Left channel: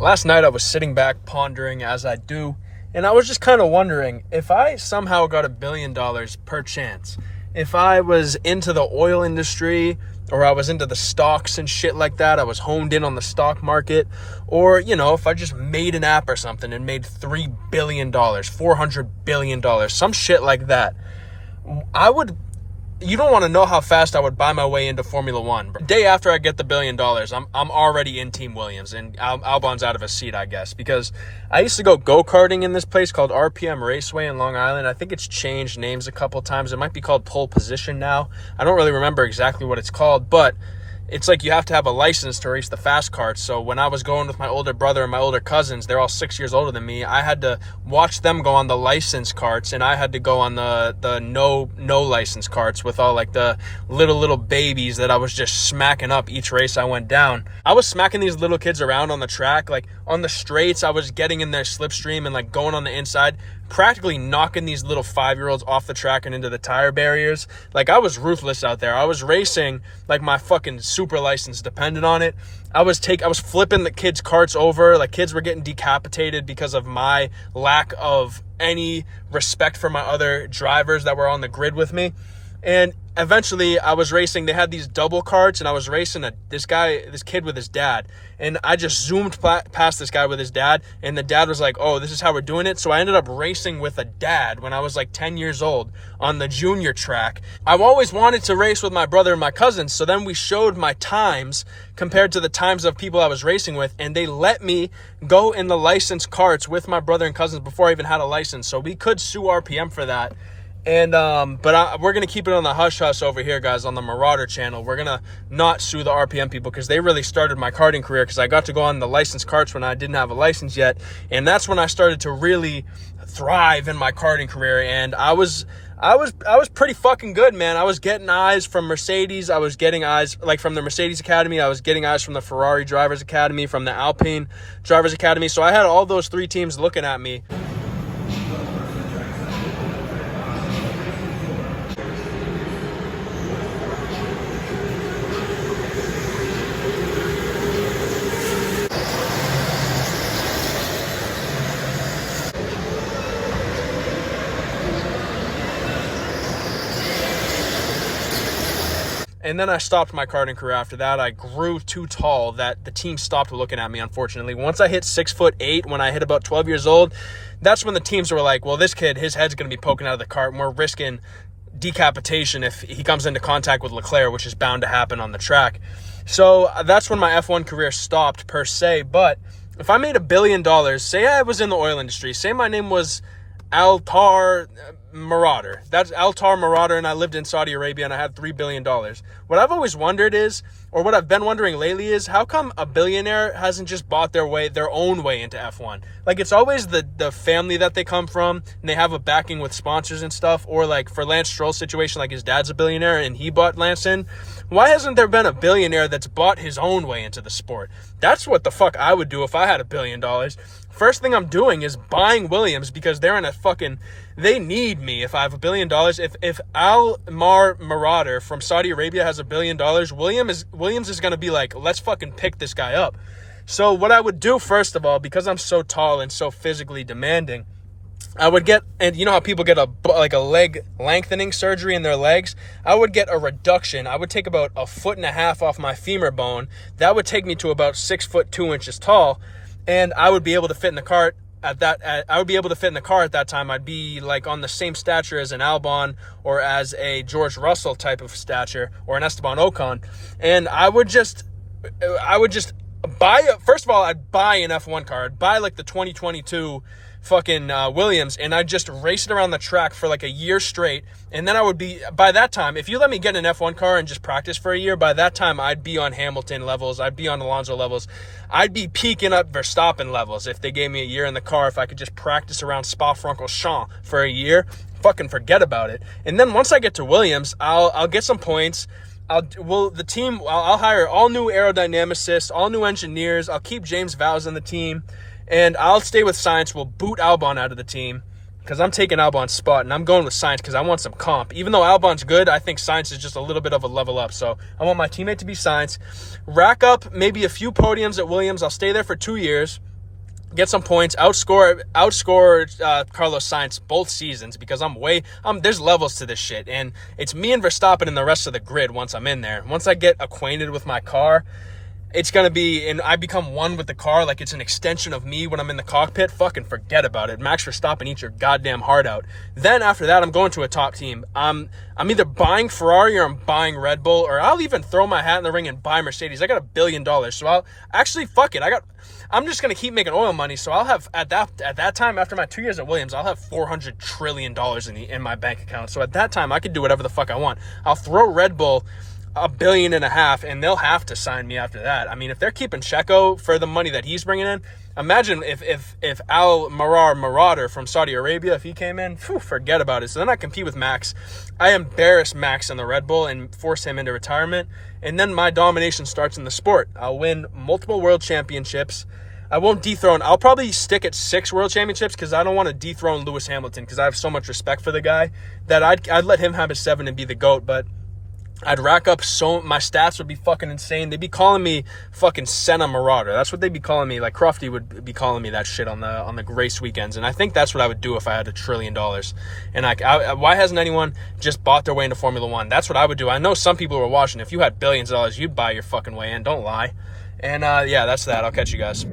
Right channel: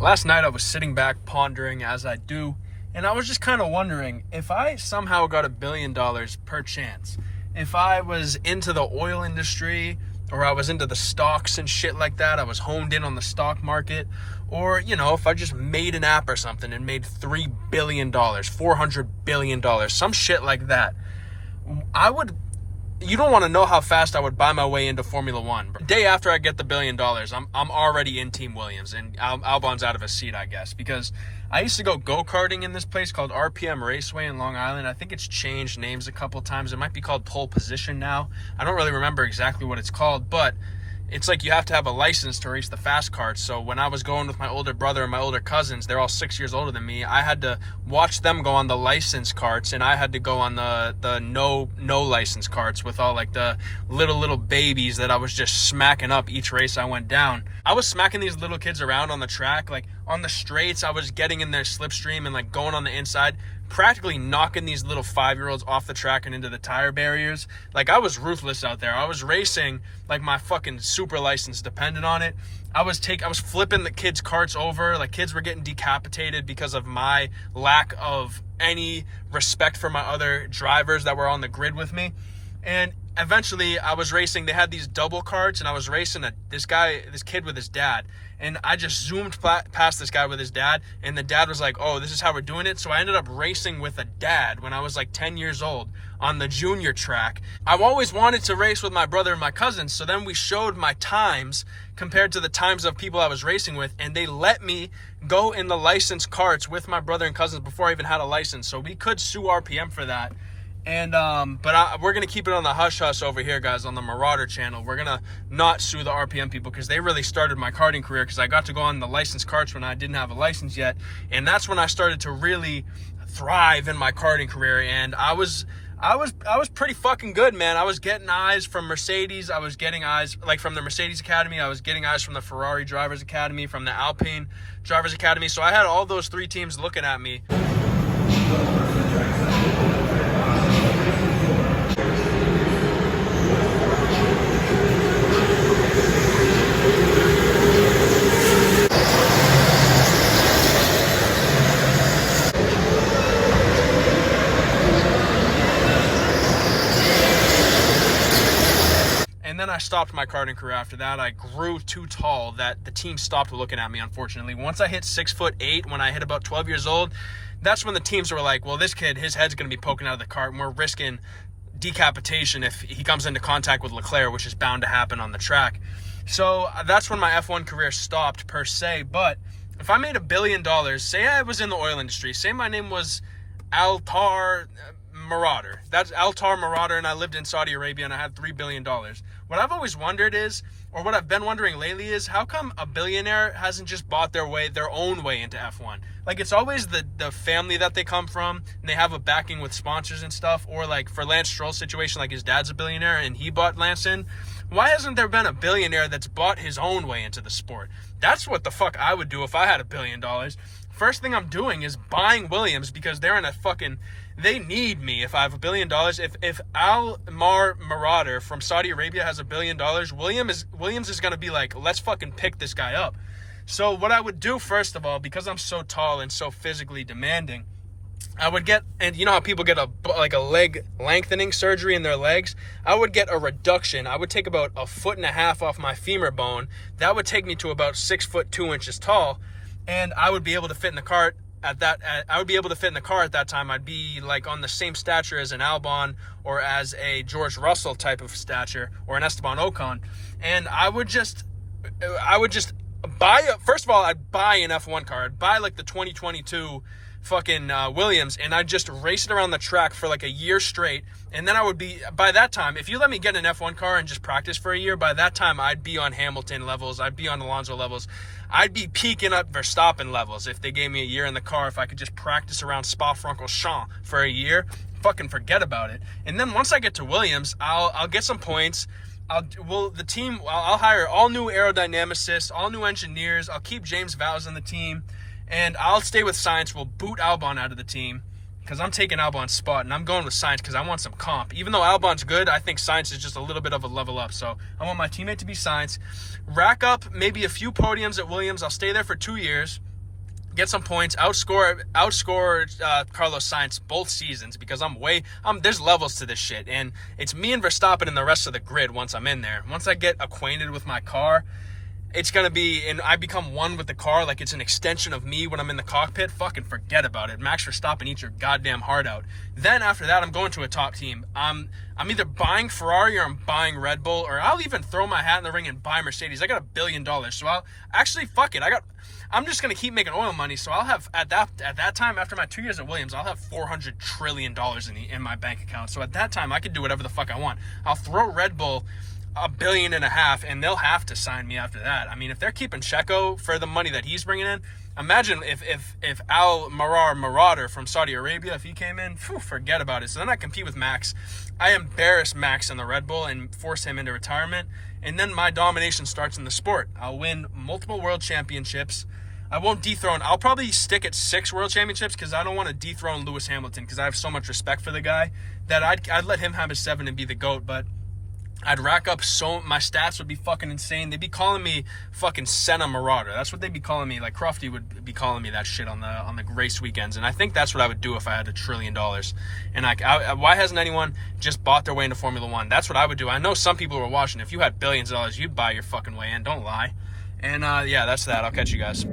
Last night I was sitting back pondering, as I do, and I was just kind of wondering, if I somehow got $1 billion per chance, if I was into the oil industry, or I was into the stocks and shit like that, I was honed in on the stock market, or, if I just made an app or something and made $3 billion, $400 billion, some shit like that, you don't want to know how fast I would buy my way into Formula One. The day after I get the $1 billion, I'm already in Team Williams, and Albon's out of a seat, I guess, because I used to go-karting in this place called RPM Raceway in Long Island. I think it's changed names a couple times. It might be called Pole Position now. I don't really remember exactly what it's called, but it's like you have to have a license to race the fast karts. So when I was going with my older brother and my older cousins, they're all 6 years older than me, I had to watch them go on the license karts, and I had to go on the no license karts with all like the little babies that I was just smacking up each race I went down. I was smacking these little kids around on the track, like on the straights. I was getting in their slipstream and like going on the inside, practically knocking these little 5-year-olds off the track and into the tire barriers. Like, I was ruthless out there. I was racing like my fucking super license depended on it. I was flipping the kids' carts over. Like, kids were getting decapitated because of my lack of any respect for my other drivers that were on the grid with me. And eventually I was racing. They had these double carts, and I was racing this kid with his dad. And I just zoomed past this guy with his dad, and the dad was like, oh, this is how we're doing it. So I ended up racing with a dad when I was like 10 years old on the junior track. I've always wanted to race with my brother and my cousins. So then we showed my times compared to the times of people I was racing with, and they let me go in the licensed carts with my brother and cousins before I even had a license. So we could sue RPM for that. And we're gonna keep it on the hush hush over here, guys, on the Marauder channel. We're gonna not sue the RPM people, because they really started my karting career, because I got to go on the licensed karts when I didn't have a license yet, and that's when I started to really thrive in my karting career. And I was pretty fucking good, man. I was getting eyes from Mercedes. I was getting eyes like from the Mercedes Academy. I was getting eyes from the Ferrari Drivers Academy, from the Alpine Drivers Academy. So I had all those 3 teams looking at me. And then I stopped my karting career after that. I grew too tall that the team stopped looking at me, unfortunately. Once I hit 6'8", when I hit about 12 years old, that's when the teams were like, well, this kid, his head's going to be poking out of the cart, and we're risking decapitation if he comes into contact with Leclerc, which is bound to happen on the track. So that's when my F1 career stopped, per se. But if I made $1 billion, say I was in the oil industry, say my name was Altar Marauder. That's Altar Marauder, and I lived in Saudi Arabia, and I had $3 billion. What I've always wondered is, or what I've been wondering lately is, how come a billionaire hasn't just bought their own way into F1? Like, it's always the family that they come from, and they have a backing with sponsors and stuff. Or like for Lance Stroll's situation, like his dad's a billionaire and he bought Lance in. Why hasn't there been a billionaire that's bought his own way into the sport? That's what the fuck I would do if I had $1 billion. First thing I'm doing is buying Williams, because they're in a fucking... They need me if I have $1 billion. If Almar Marauder from Saudi Arabia has $1 billion, Williams is going to be like, let's fucking pick this guy up. So what I would do, first of all, because I'm so tall and so physically demanding, I would get, and you know how people get a leg lengthening surgery in their legs? I would get a reduction. I would take about 1.5 foot off my femur bone. That would take me to about 6'2" tall, and I would be able to fit in the cart. At that time. I'd be like on the same stature as an Albon or as a George Russell type of stature, or an Esteban Ocon. And I would just buy, first of all, I'd buy an F1 car. I'd buy like the 2022 fucking Williams, and I'd just race it around the track for like a year straight. And then I would be, by that time, if you let me get an F1 car and just practice for a year, by that time I'd be on Hamilton levels, I'd be on Alonso levels, I'd be peaking up Verstappen levels if they gave me a year in the car. If I could just practice around Spa-Francorchamps for a year, fucking forget about it. And then once I get to Williams, I'll get some points. I'll hire all new aerodynamicists, all new engineers. I'll keep James Vowles in the team, and I'll stay with Science. We'll boot Albon out of the team, because I'm taking Albon's spot, and I'm going with Science because I want some comp. Even though Albon's good, I think Science is just a little bit of a level up. So I want my teammate to be Science. Rack up maybe a few podiums at Williams. I'll stay there for 2 years. get some points, outscore Carlos Sainz both seasons, because there's levels to this shit, and it's me and Verstappen and the rest of the grid once I'm in there. Once I get acquainted with my car, it's going to be, and I become one with the car, like it's an extension of me when I'm in the cockpit. Fucking forget about it. Max Verstappen, eat your goddamn heart out. Then after that, I'm going to a top team. I'm either buying Ferrari or I'm buying Red Bull, or I'll even throw my hat in the ring and buy Mercedes. I got $1 billion, so I'll actually, fuck it. I'm just going to keep making oil money, so I'll have, at that time, after my 2 years at Williams, I'll have $400 trillion in my bank account. So at that time, I can do whatever the fuck I want. I'll throw Red Bull $1.5 billion, and they'll have to sign me after that. I mean, if they're keeping Checo for the money that he's bringing in, imagine if Al Marauder from Saudi Arabia, if he came in, forget about it. So then I compete with Max. I embarrass Max in the Red Bull and force him into retirement, and then my domination starts in the sport. I'll win multiple world championships. I won't dethrone. I'll probably stick at 6 world championships, because I don't want to dethrone Lewis Hamilton, because I have so much respect for the guy that I'd let him have his 7 and be the GOAT. But I'd rack up my stats would be fucking insane. They'd be calling me fucking Senna Marauder. That's what they'd be calling me. Like Crofty would be calling me that shit on the race weekends. And I think that's what I would do if I had $1 trillion. And why hasn't anyone just bought their way into Formula One? That's what I would do. I know some people who are watching. If you had billions of dollars, you'd buy your fucking way in. Don't lie. And yeah, that's that. I'll catch you guys.